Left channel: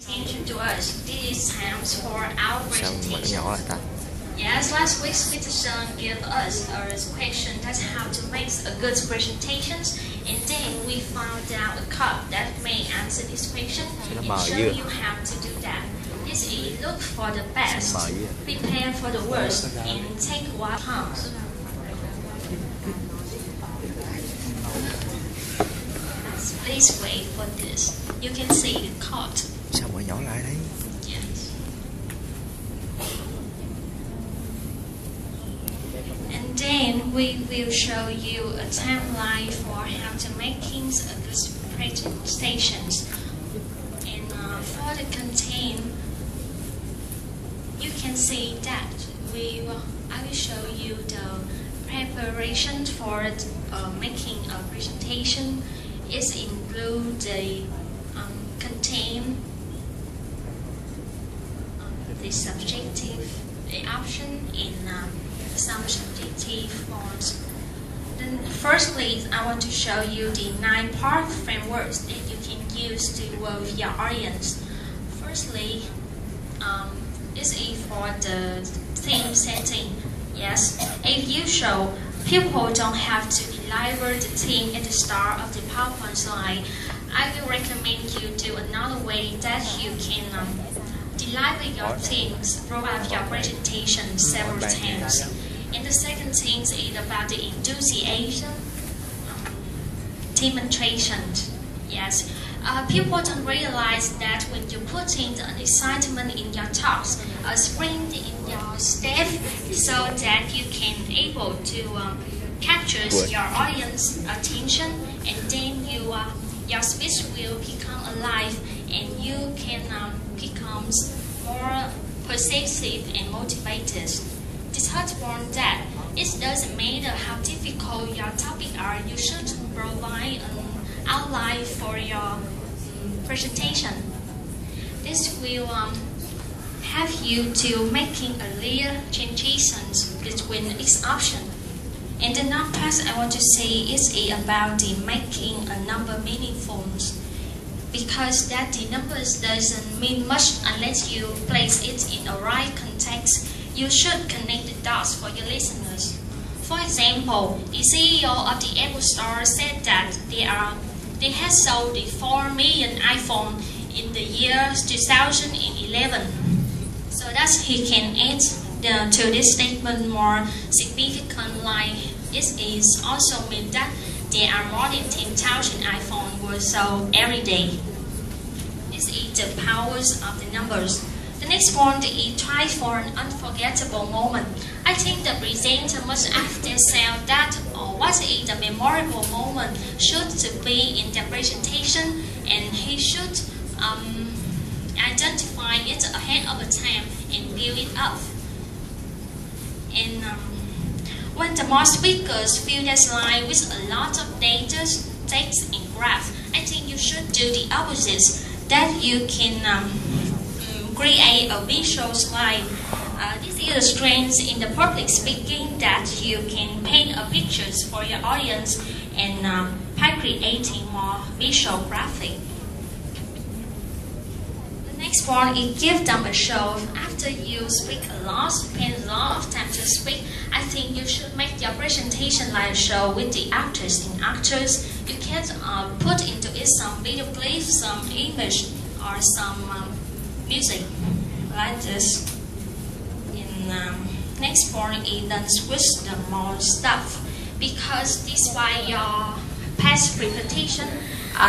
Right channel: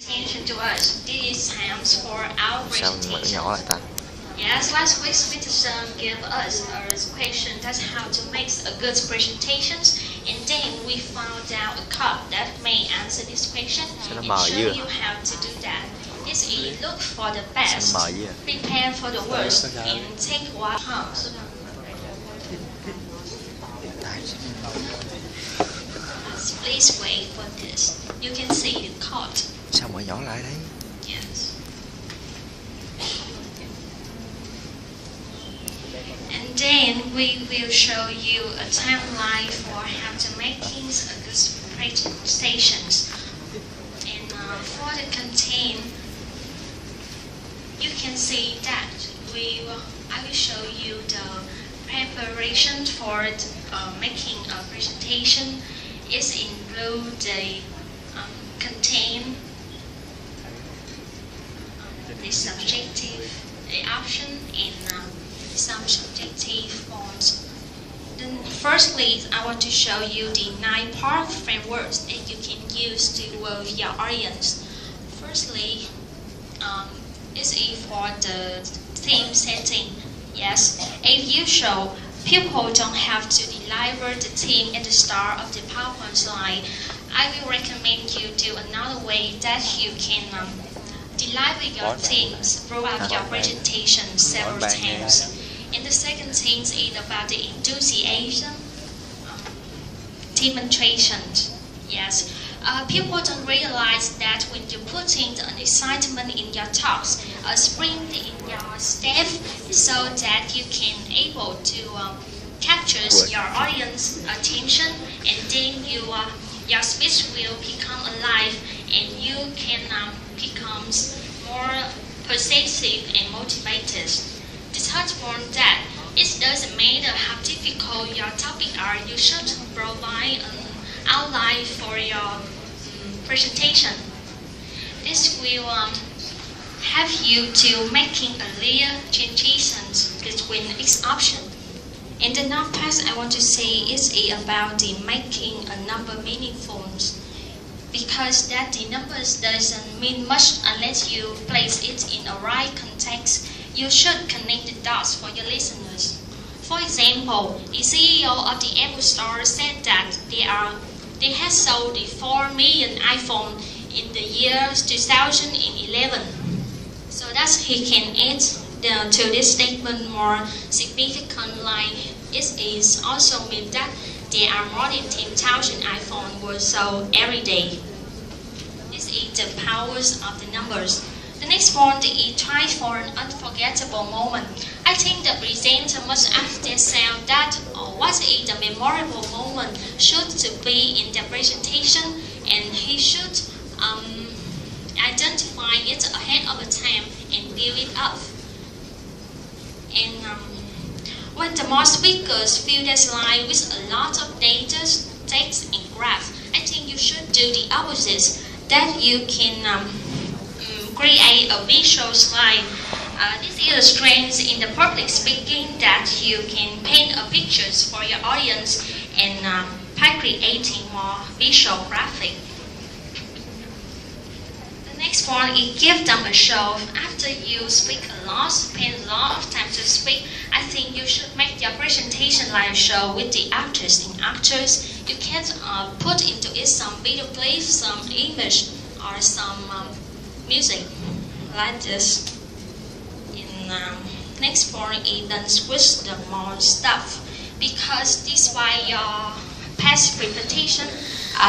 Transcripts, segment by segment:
Attention to us. This is times for our Sao mở presentation. nhỏ lại ta? Yes, last week's presentation gave us a question that's how to make a good presentation, and then we found out a card that may answer this question and show you how to do that. This is look for the best, prepare for the worst, and take what comes. Please wait for this. You can see the card. Sao mở nhỏ lại đấy? Yes. And then we will show you a timeline for how to make a good presentations. And for the content, you can see that I will show you the preparation for making a presentation. It includes the content, the subjective, the option, and some subjective forms. Then firstly, I want to show you the 9-part frameworks that you can use to work with your audience. Firstly, is for the theme setting. Yes, as usual, people don't have to deliver the theme at the start of the PowerPoint slide. I will recommend you do another way that you can deliver your themes throughout your presentation several times. And the second thing is about the enthusiasm demonstration. Yes, people don't realize that when you put in an excitement in your talks, a sprint in your step, so that you can able to capture your audience attention, and then your speech will become alive, and you can become more persuasive and motivated. The third one that it doesn't matter how difficult your topic are, you should provide an outline for your presentation. This will help you to making a clear transition between each option. And the next part I want to say is about the making a number meaningful, because that the numbers doesn't mean much unless you place it in a right context. You should connect the dots for your listeners. For example, the CEO of the Apple Store said that they had sold the 4 million iPhone in the year 2011. So that he can add to this statement more significant line. It is also mean that there are more than 10,000 iPhones were sold every day. This is the powers of the numbers. The next point is try for an unforgettable moment. I think the presenter must ask themselves that what is the memorable moment should to be in the presentation, and he should identify it ahead of the time and build it up. And when the more speakers fill their slide with a lot of data, text, and graph, I think you should do the opposite. That you can create a visual slide. This is a strength in the public speaking, that you can paint a pictures for your audience and by creating more visual graphic. The next point is give them a show. After you speak a lot, spend a lot of time to speak, I think you should make your presentation like a show with the actors and actors. You can put into it some video clips, some image, or some music like this. In next point is then switch the more stuff, because this why your past repetition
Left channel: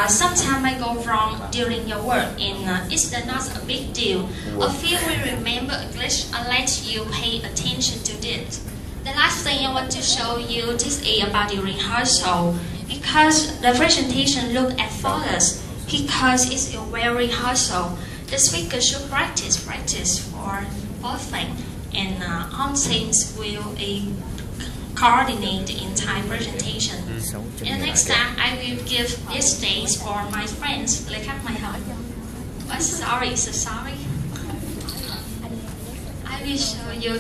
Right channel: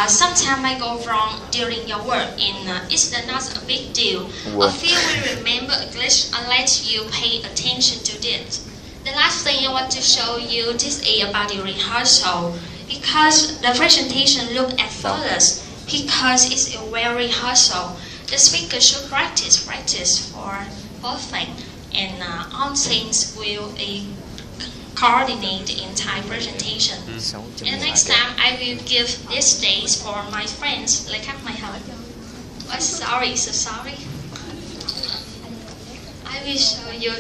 sometimes might go wrong during your work, and it's not a big deal. A few will remember a glitch unless you pay attention to it. The last thing I want to show you this is about the rehearsal, because the presentation look effortless because it's a well rehearsal. The speaker should practice for perfect, and all things will coordinate the entire presentation. And next time I will give this stage for my friends. Like my help. Oh, sorry, so sorry. I will show you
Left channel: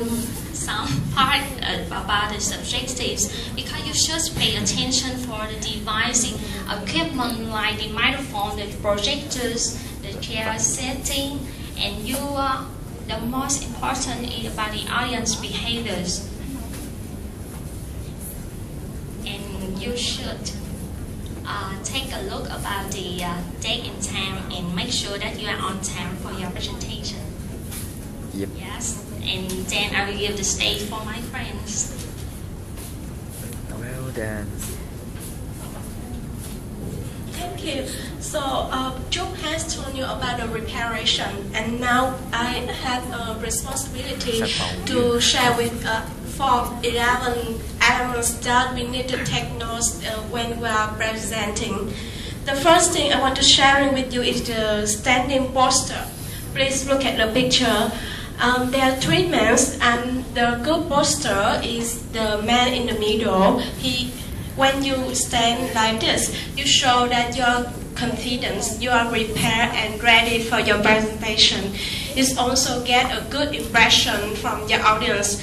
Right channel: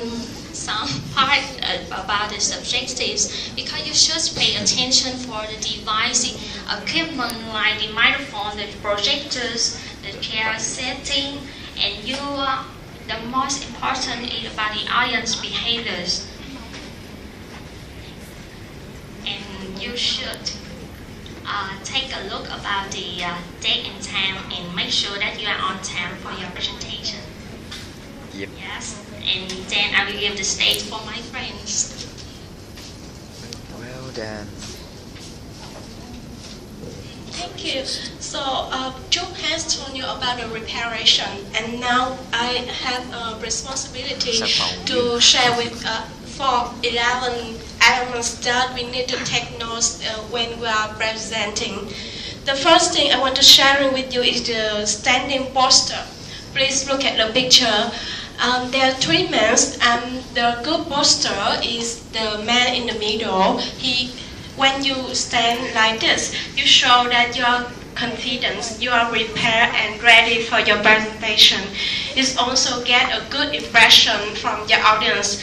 some part about the subjectives, because you should pay attention for the device equipment like the microphone, the projectors, the the chair setting, and the most important is about the audience behaviors. And you should take a look about the date and time and make sure that you are on time for your presentation. Yep. Yes, and then I will give the stage for my friends. Well done. Thank you. So, Joe has told you about the preparation, and now I have a responsibility to share with for 11 elements that we need to take notes when we are presenting. The first thing I want to share with you is the standing posture. Please look at the picture. There are three men, and the good posture is the man in the middle. When you stand like this, you show that you are confident, you are prepared and ready for your presentation. It also get a good impression from your audience.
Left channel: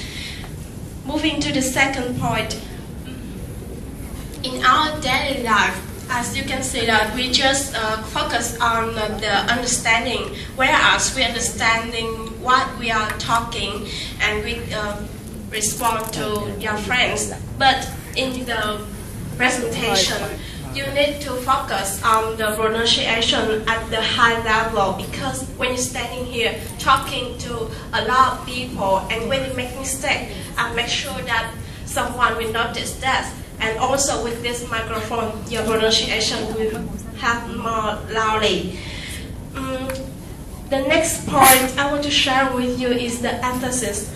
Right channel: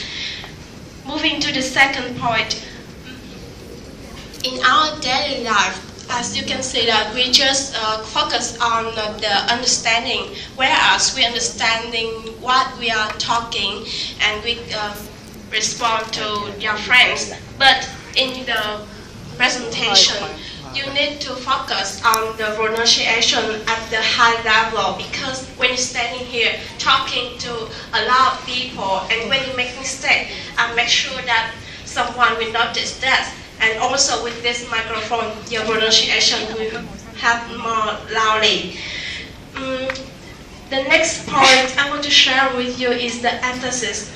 Moving to the second point, in our daily life, as you can see that we just focus on the understanding, whereas we understanding what we are talking and we respond to your friends. But in the presentation, you need to focus on the pronunciation at the high level, because when you're standing here talking to a lot of people, and when you make mistake, make sure that someone will notice that. And also with this microphone, your pronunciation will have more loudly. The next point I want to share with you is the emphasis.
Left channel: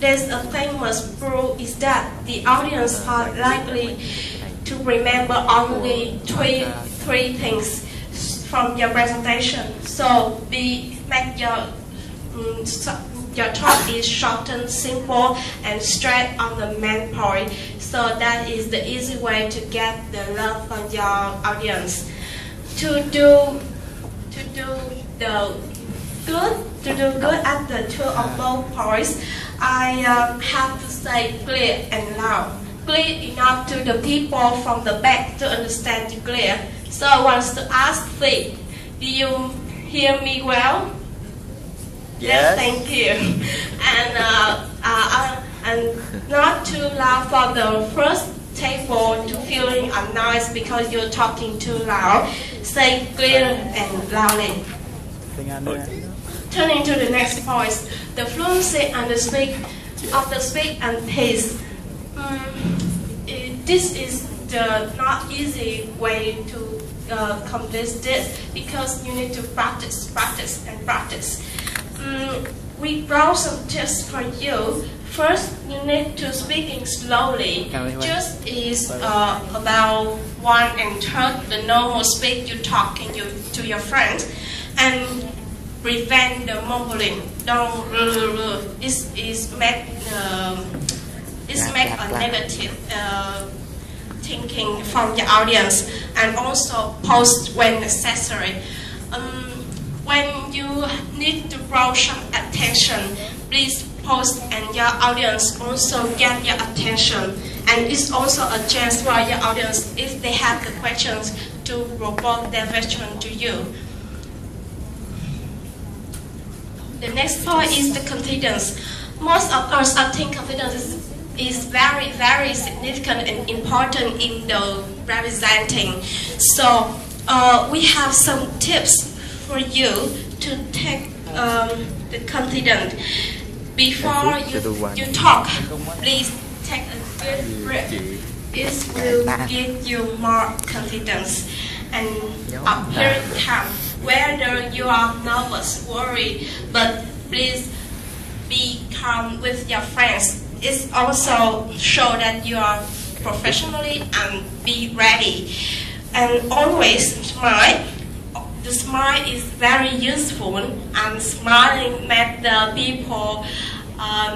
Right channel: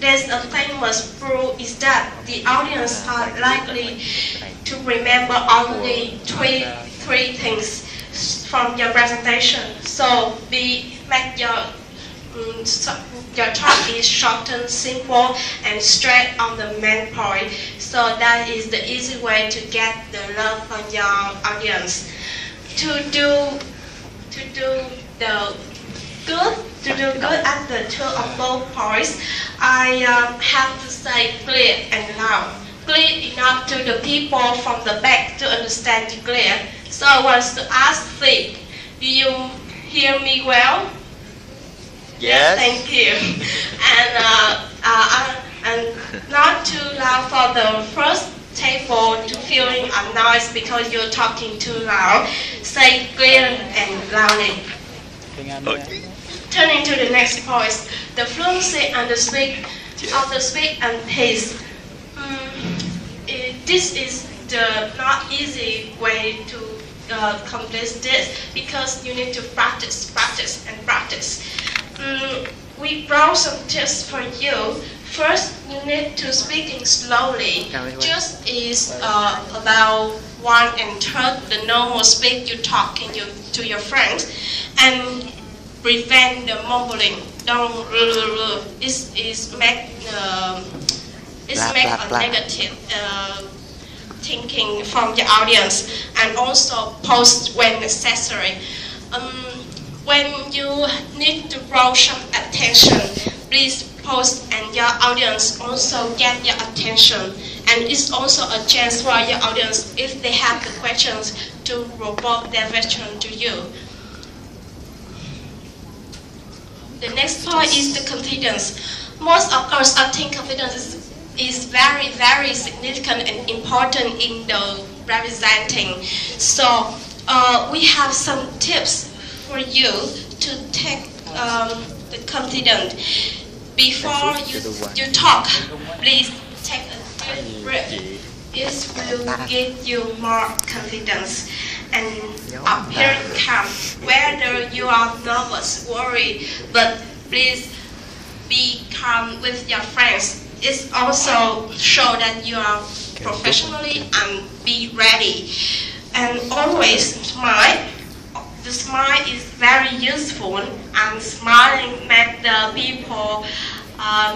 There's a famous rule is that the audience are likely to remember only three things from your presentation. So make your talk is short and simple and straight on the main point. So that is the easy way to get the love from your audience. To do good at the two of both points, I have to say clear and loud. Clear enough to the people from the back to understand you clear. So I want to ask Phil, do you hear me well? Yes. Thank you. And not too loud for the first table to feeling annoyed because you're talking too loud. Say clear and loudly. Turning to the next point, the fluency and the speak and pace. This is the not easy way to complete this, because you need to practice. We brought some tips for you. First, you need to speaking slowly. Just is about 1/3 the normal speak you talking to your friends, and prevent the mumbling. Don't make a negative thinking from your audience, and also post when necessary. When you need to draw some attention, please post, and your audience also get your attention. And it's also a chance for your audience, if they have the questions, to report their question to you. The next point is the confidence. Most of us, I think confidence is very, very significant and important in the representing. So we have some tips for you to take the confidence. Before you talk, please take a deep breath. It will give you more confidence and appearing calm. Whether you are nervous, worried, but please be calm with your friends. It also show that you are professionally and be ready. And always smile. The smile is very useful, and smiling makes the people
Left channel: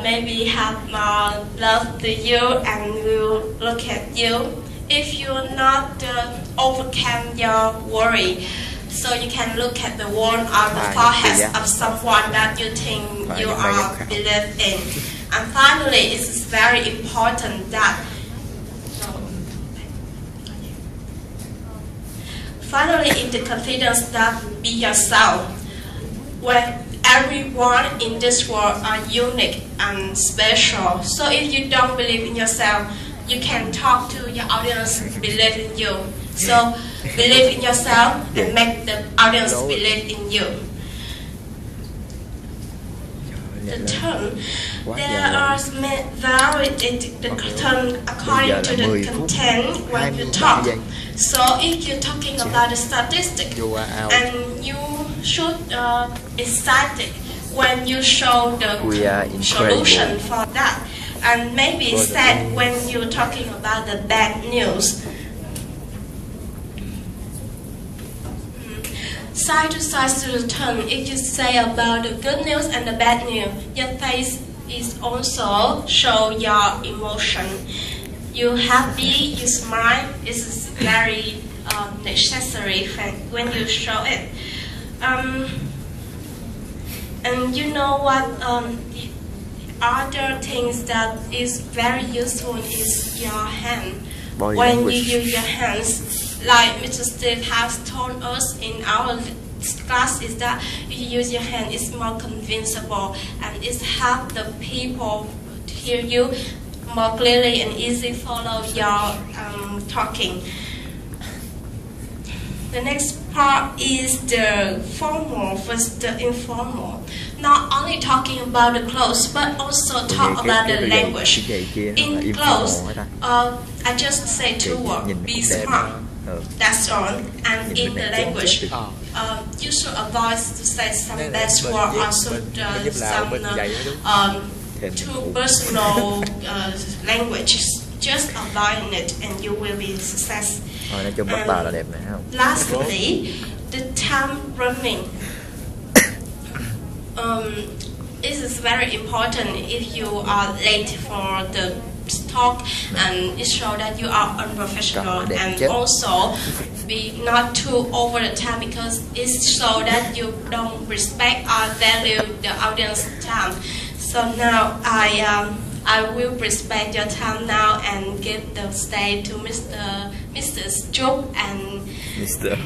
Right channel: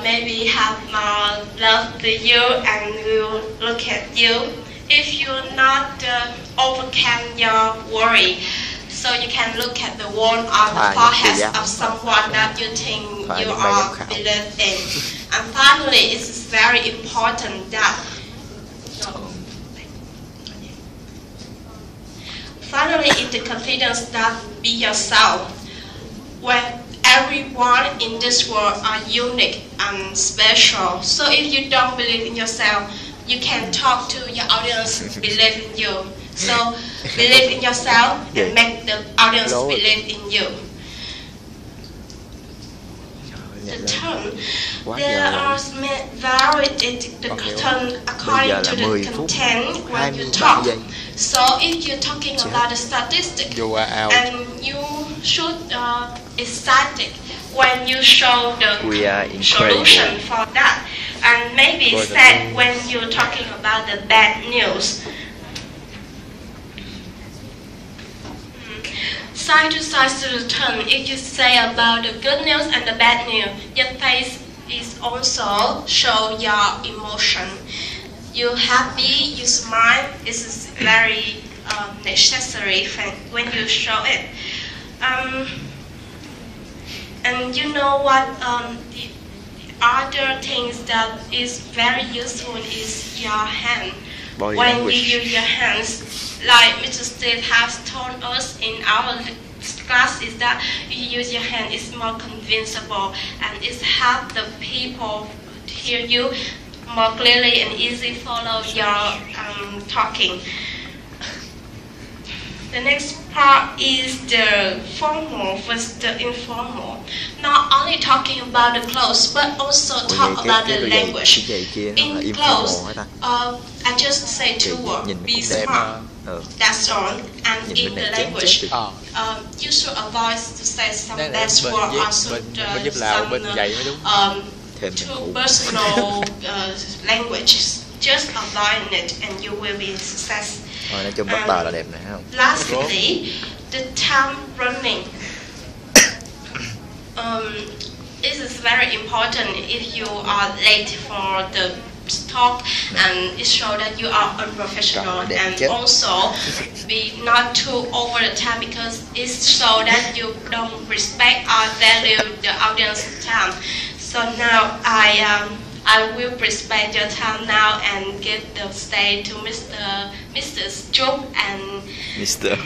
maybe have more love to you and will look at you. If you not overcome your worry, so you can look at the one on the forehead of someone that you think you are believe in. And finally, it is very important that in the confidence that be yourself. where everyone in this world are unique and special. So if you don't believe in yourself, you can talk to your audience believe in you. So believe in yourself and make the audience believe in you. The turn. There are varied the turn according to the content when you talk. So if you're talking about the statistic, and you should excited when you show the solution for that, and maybe sad when you're talking about the bad news. Side to side to the turn, if you say about the good news and the bad news, your face is also show your emotion. You happy, you smile, is very necessary when you show it. And you know what, the other things that is very useful is your hand. When you use your hands, like Mr. Steve has told us in our class, is that you use your hand is more convincible and it helps the people to hear you more clearly and easily follow your talking. The next part is the formal versus the informal. Not only talking about the clothes, but also talk about the language. In clothes, I just say 2 words: be smart. That's all. And in the language, you should avoid to say some bad word or some too personal languages. Just avoid it, and you will be success. Lastly, the time running. This is very important if you are late for the talk, and it shows that you are unprofessional, and also be not too over the time, because it shows that you don't respect or value the audience time. So now I will respect your time now and give the stage to Mr. Chuk and Mr.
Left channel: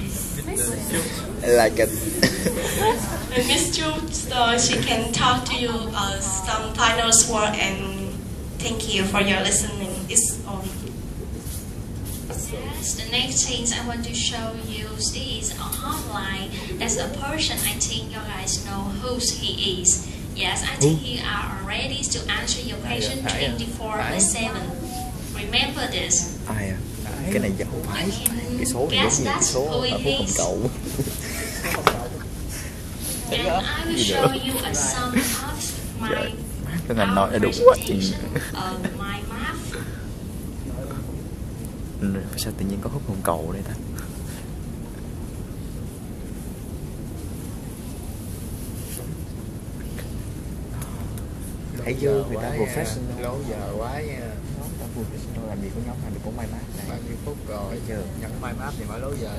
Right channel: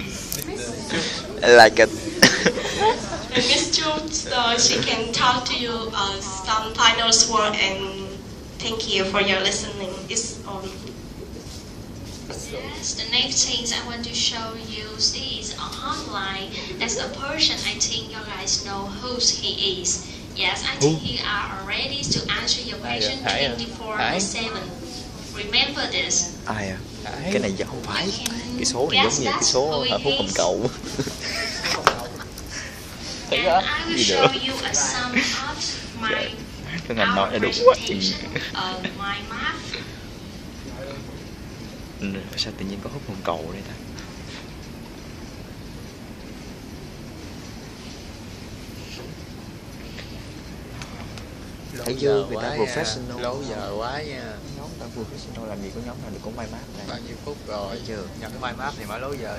I like it. Miss Chuk, so she can talk to you some final word, and thank you for your listening. It's on. Yes, the next things I want to show you is online. That's a person I think you guys know who he is. Yes, I think you are ready to answer your question 24/7. Remember this. Ai à? Cái này giàu phải. Cái số này giống như cái số hạnh phúc hồng cầu. And I will show you a sum of my cái ngành nói là đúng quá. My math. Sao tự nhiên có hút hồng cầu đây ta? Thấy chưa, người ta professional. Lâu giờ quá nha. Nhóm ta professional làm gì có nhóm nào được cũng may mắn này. Bao nhiêu phút rồi? Chưa. Nhận may mắn thì mới lâu giờ.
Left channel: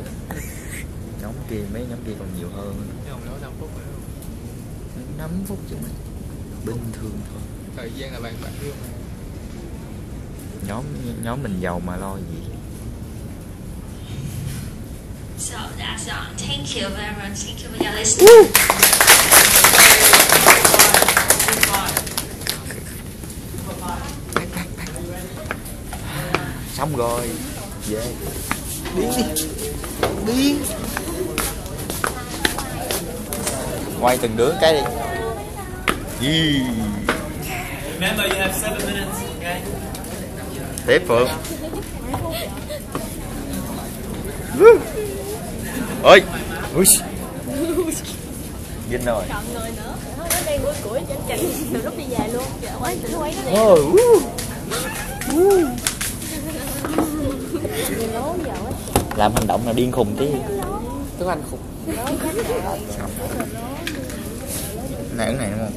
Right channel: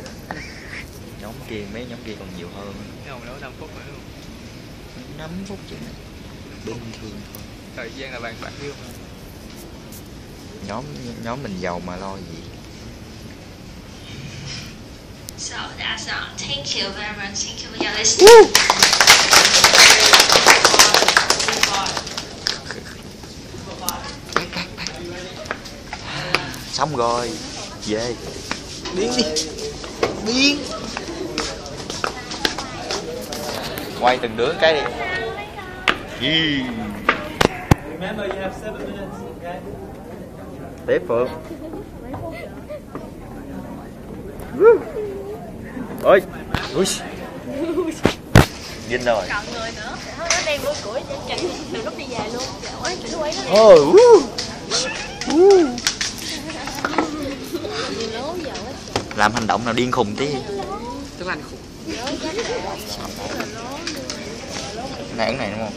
Nhóm kia, mấy nhóm kia còn nhiều hơn. Không đấu 5 phút nữa luôn. 5 phút chứ mày. Bình thường thôi. Thời gian là bạn yêu mà. Nhóm mình giàu mà lo gì. So that's all. Thank you very much. Thank you for your listening. Xong rồi. Về. Điên đi. Điên. Quay từng đứa cái đi. Remember, you have 7 minutes, okay? Tiếp Phượng. Ơi. Ui. Vinh đâu rồi? Chọn người nữa. Nó đang vui củi trên trình từ lúc đi về luôn. Dạ, quay trình quay nó đi. Làm hành động nào điên khùng tí. Tiếng Anh khùng. Nãy này đúng không?